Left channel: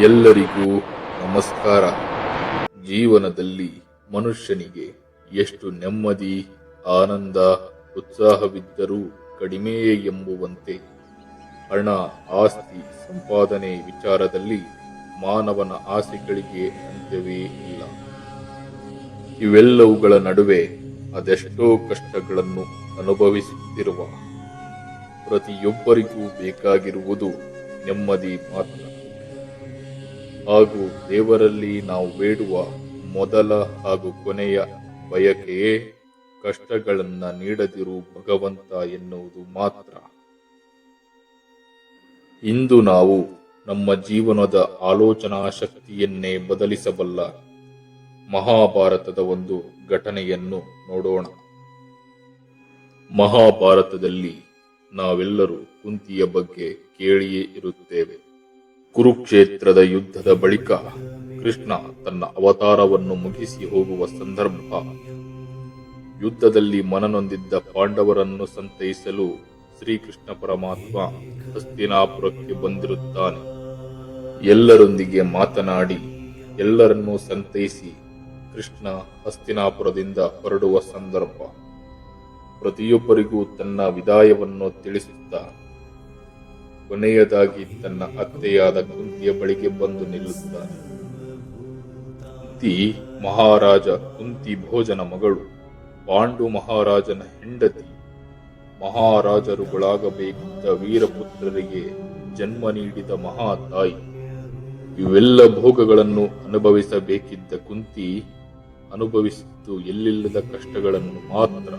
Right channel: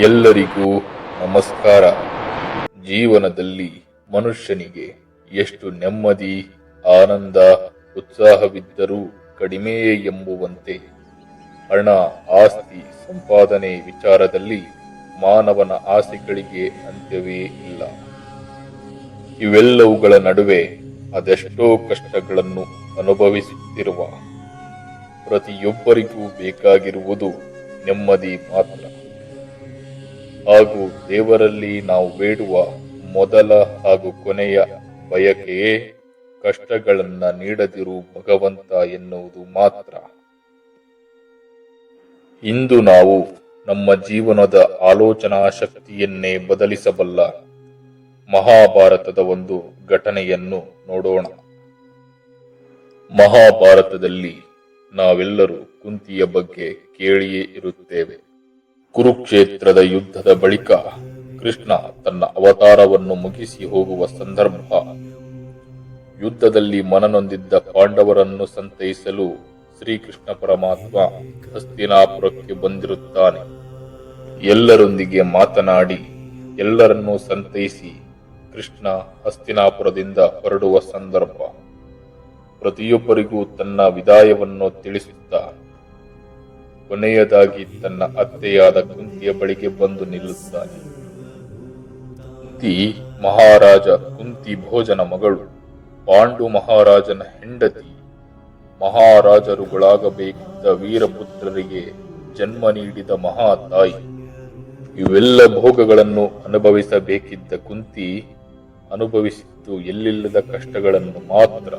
ಎಲ್ಲರಿಗೂ ನಮಸ್ಕಾರ. ಜೀವನದಲ್ಲಿ ಮನುಷ್ಯನಿಗೆ ಎಷ್ಟು ನೆಮ್ಮದಿ, ಆನಂದ, ಉತ್ಸಾಹವಿದ್ದರೂ ಕಡಿಮೆ ಎಂಬುವಂತೆ. ಹಣ, ಆಸ್ತಿ, ಸಂಪಾದನೆ ವಿಚಾರದಲ್ಲಿ ಮಾನವನ ಆಸೆಗಳಿಗೆ ಅಂತ್ಯವೇ ಇಲ್ಲ. ಇವೆಲ್ಲವುಗಳ ನಡುವೆ ಅದೆಷ್ಟೋ ಕಷ್ಟಗಳನ್ನು ಅನುಭವಿಸುತ್ತಿರುವ ಪ್ರತಿಯೊಬ್ಬರಿಗೂ ಬೇಕಾಗಿರುವುದು ನೆಮ್ಮದಿ ಮಾತ್ರ. ಹಾಗೂ ದೇವರಲ್ಲಿ ನಾವು ಬೇಡುವ ಮೊದಲ ಹಾಗೂ ಕೊನೆಯ ಬಯಕೆಯೇ ಕಷ್ಟಗಳನ್ನು ನೀಡದಿರು ಭಗವಂತ ಎನ್ನುವುದು ಮಾತ್ರ. ಇಂದು ನಾವು ನಮ್ಮ ಜೀವನದ ಆಲೋಚನಾ ಶಕ್ತಿಯನ್ನೇ ಬದಲಿಸಬಲ್ಲ ಮಹಾಭಾರತದ ಒಂದು ಘಟನೆಯನ್ನು ನೋಡೋಣ. ಮಹಾಭಾರತದಲ್ಲಿ ನಾವೆಲ್ಲರೂ ಕುಂತಿಯ ಬಗ್ಗೆ ಕೇಳಿಯೇ ಇರುತ್ತೇವೆ. ಕುರುಕ್ಷೇತ್ರದ ಯುದ್ಧದ ಬಳಿಕ ಕೃಷ್ಣ ತನ್ನ ಅವತಾರವನ್ನು ಮುಗಿಸಿ ಹೋಗುವ ಸಂದರ್ಭ. ಯುದ್ಧದಲ್ಲಿ ಮನನೊಂದಿದ್ದ ಪಾಂಡವರನ್ನು ಸಂತೈಸಲು ಶ್ರೀಕೃಷ್ಣ ಪರಮಾತ್ಮ ಹಸ್ತಿನಾಪುರಕ್ಕೆ ಬಂದಿರುತ್ತಾನೆ. ಎಲ್ಲರೊಂದಿಗೆ ಮಾತನಾಡಿ ಎಲ್ಲರನ್ನೂ ಸಂತೈಸಿ ಕೃಷ್ಣ ಹಸ್ತಿನಾಪುರದಿಂದ ಹೊರಡುವ ಸಂದರ್ಭ. ಪ್ರತಿಯೊಬ್ಬರಿಗೂ ತನ್ನ ವಿದಾಯವನ್ನು ತಿಳಿಸುತ್ತಾ ಕೊನೆಯದಾಗಿ ತನ್ನ ಅತ್ತೆಯಾದ ಕುಂತಿಯ ಬಳಿಗೆ ಬಂದು ನಿಲ್ಲುತ್ತಾನೆ. ಕುಂತಿ ಮಹಾರಾಜ ಕುಂತಿ ಭೋಜನ ಮಗಳು, ಪಾಂಡು ಮಹಾರಾಜನ ಹೆಂಡತಿ, ಮಹಾರಾಜರುಗಳಾಗಬೇಕಿದ್ದ ವೀರಪುತ್ರರಿಗೆ ಜನ್ಮ ನೀಡಿದ ಮಹಾ ತಾಯಿ. ಇವೆಲ್ಲ ಭೋಗಗಳನ್ನು ಅನುಭವಿಸಬೇಕಿದ್ದ ಕುಂತಿ ಅನುಭವಿಸಿದ್ದು ಎಲ್ಲಿಲ್ಲದ ಕಷ್ಟಗಳನ್ನು ಮಾತ್ರ.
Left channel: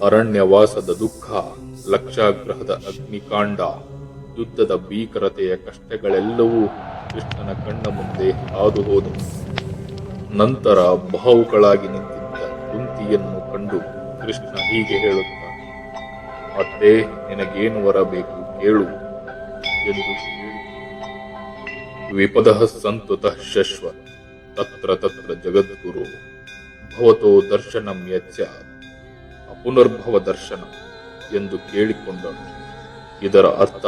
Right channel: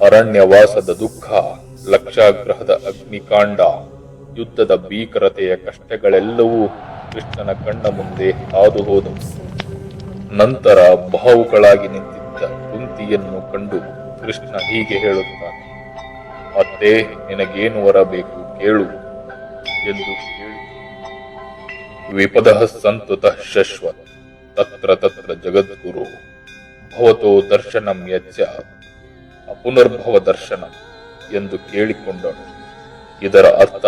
ಅರಣ್ಯವಾಸದ ದುಃಖ, ಲಕ್ಷಾಗ್ರಹದ ಅಗ್ನಿಕಾಂಡ, ಯುದ್ಧದ ಭೀಕರತೆಯ ಕಷ್ಟಗಳೆಲ್ಲವೂ ಕೃಷ್ಣನ ಕಣ್ಣ ಮುಂದೆ ಹಾದು ಹೋದವು ನಂತರ ಭಾವುಗಳಾಗಿ ನಿಂತಿದ್ದ ಕುಂತಿಯನ್ನು ಕಂಡು ಕೃಷ್ಣ ಹೀಗೆ ಹೇಳುತ್ತಾನೆ ಅತ್ತೆ ನಿನಗೇನು ವರ ಬೇಕು ಕೇಳು ಎಂದು ಕೇಳಿ ವಿಪದಃ ಸಂತುತ ಶಶ್ವತ್, ತತ್ರ ತತ್ರ ಜಗದ್ಗುರು, ಭವತೋ ದರ್ಶನಂ ಯಚ್ಚ ಅಪುನರ್ಭವ ದರ್ಶನ ಎಂದು ಕೇಳಿಕೊಂಡನು ಇದರ ಅರ್ಥ,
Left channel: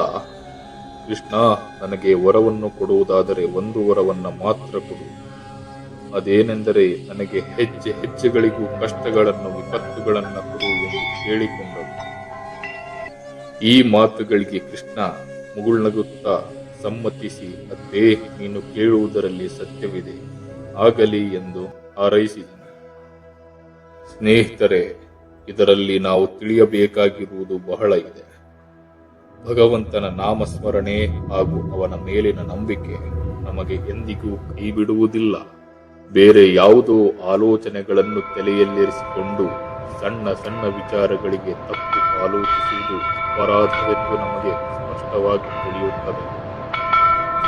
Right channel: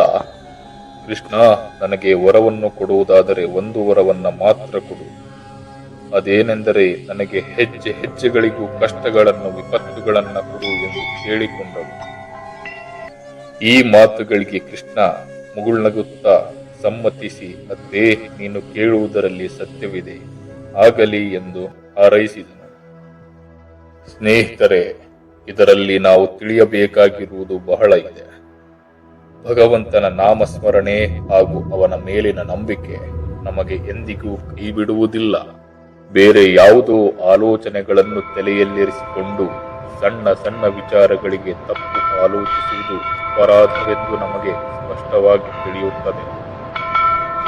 ಕೃಷ್ಣ ನನಗೆ ವರವನ್ನು ಕೊಡುವುದಾದರೆ ಒಂದು ವರವನ್ನು ಮಾತ್ರ ಕೊಡು. ಅದೇನೆಂದರೆ ನನಗೆ ಹೆಜ್ಜೆ ಹೆಜ್ಜೆಗಳಿಗೂ ಕಷ್ಟಗಳನ್ನು ವಿಪತ್ತುಗಳನ್ನು ಕೊಡು ಎಂದು ಕೇಳಿಕೊಂಡನು ಈ ಮಾತುಗಳಿಗೆ ಕೃಷ್ಣ ಮುಗುಳ್ನಗುತ್ತಾ ಸಮ್ಮತಿಸಿ, ಅದೇ, ನೀನು ಕೇಳುವುದರಲ್ಲಿ ಸತ್ಯವಿದೆ, ಆಗಲಿ ಎಂದು ಹಾರೈಸಿದನು. ಸ್ನೇಹಿತರೆ ಇದರಲ್ಲಿ ನಾವು ತಿಳಿಯಬೇಕಾಗಿರುವುದು ಬಹಳ ಇದೆ. ಭಗವಂತನ ನಾಮಸ್ಮರಣೆ ಹಾಗೂ ಅವನ ಮೇಲಿನ ನಂಬಿಕೆ ನಮಗೆ ಎಂದಿಗೂ ಕೈ ಬಿಡುವುದಿಲ್ಲ ಬೇರೆ ಯಾವುದೋ ಆಲೋಚನೆಗಳನ್ನು ತಲೆಯಲ್ಲಿರಿಸಿಕೊಂಡು ಸಣ್ಣ ಸಣ್ಣ ವಿಚಾರಗಳಿಗೆ ತಪ್ಪು ಆಲೋಚಿಸುವುದು ಅಪರಾಧವೆಂದು ನಮಗೆ ಸ್ಪಷ್ಟವಾಗಿ ತಿಳಿಯುತ್ತದೆ.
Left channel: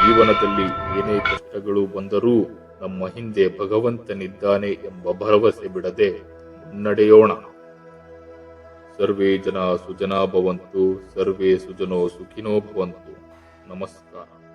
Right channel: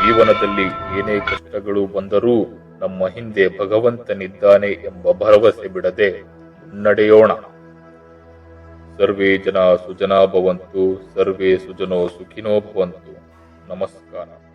ಜೀವನದಲ್ಲಿ ಏನೇ ಕಷ್ಟಗಳು ಬಂದರೂ ನಮ್ಮ ಹಿಂದೆ ಭಗವಂತನಿದ್ದಾನೆ ಎಂಬ ಭರವಸೆ ಬಿಡದೆ ಮುನ್ನಡೆಯೋಣ. ಸರ್ವೇ ಜನ ಸುಜನಾ ಭವಂತು ಸರ್ವೇ ಸುಜನೋ ಸುಖಿನೋ ಭವಂತು. ನಮಸ್ಕಾರ.